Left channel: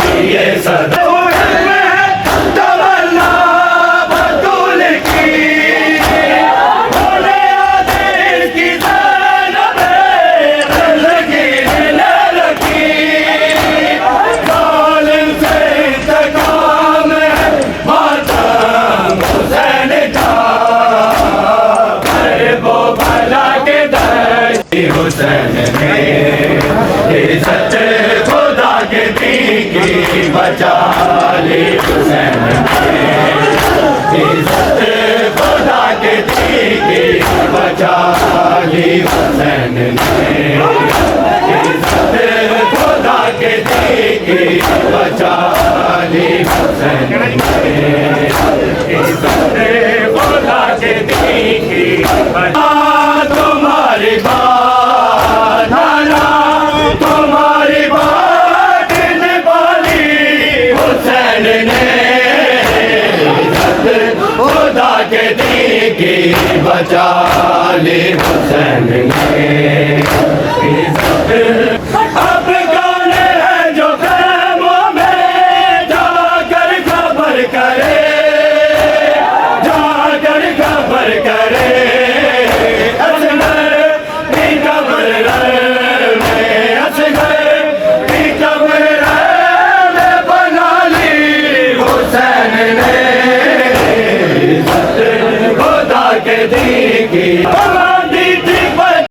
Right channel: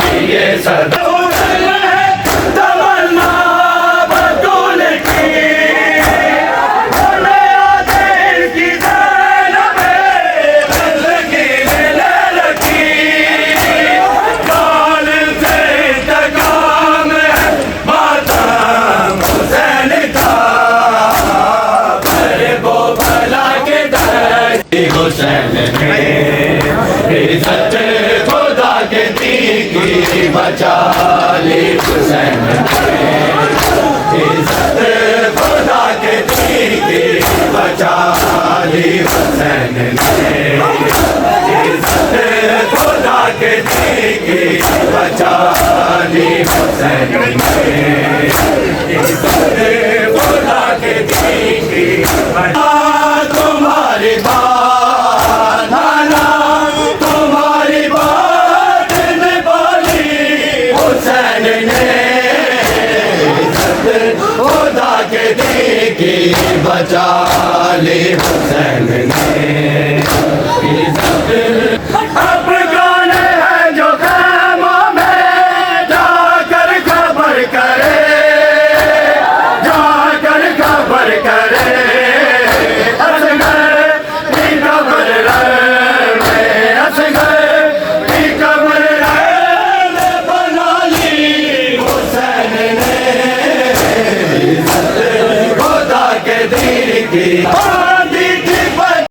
जिए सदा तमन्ना बतूल की बोले दिल की ज़ैनबे ज़िंदगी दिल की जालिम से इंतकाम मातम हुसैन का बड़े वो भला के दर हुसैन ने इज्जत खुदा के दी की बचा ली हुसैन ने इज्जत खुदा के दी की बचा ली हुसैन ने इज्जत खुदा के दी की बचा ली हुसैन ने इज्जत खुदा के दी की बचा तुम्हारी बात नाना तुम्हारी बात ने बोली हुसैन ने इज्जत खुदा के दी की बचा ली हुसैन ने इज्जत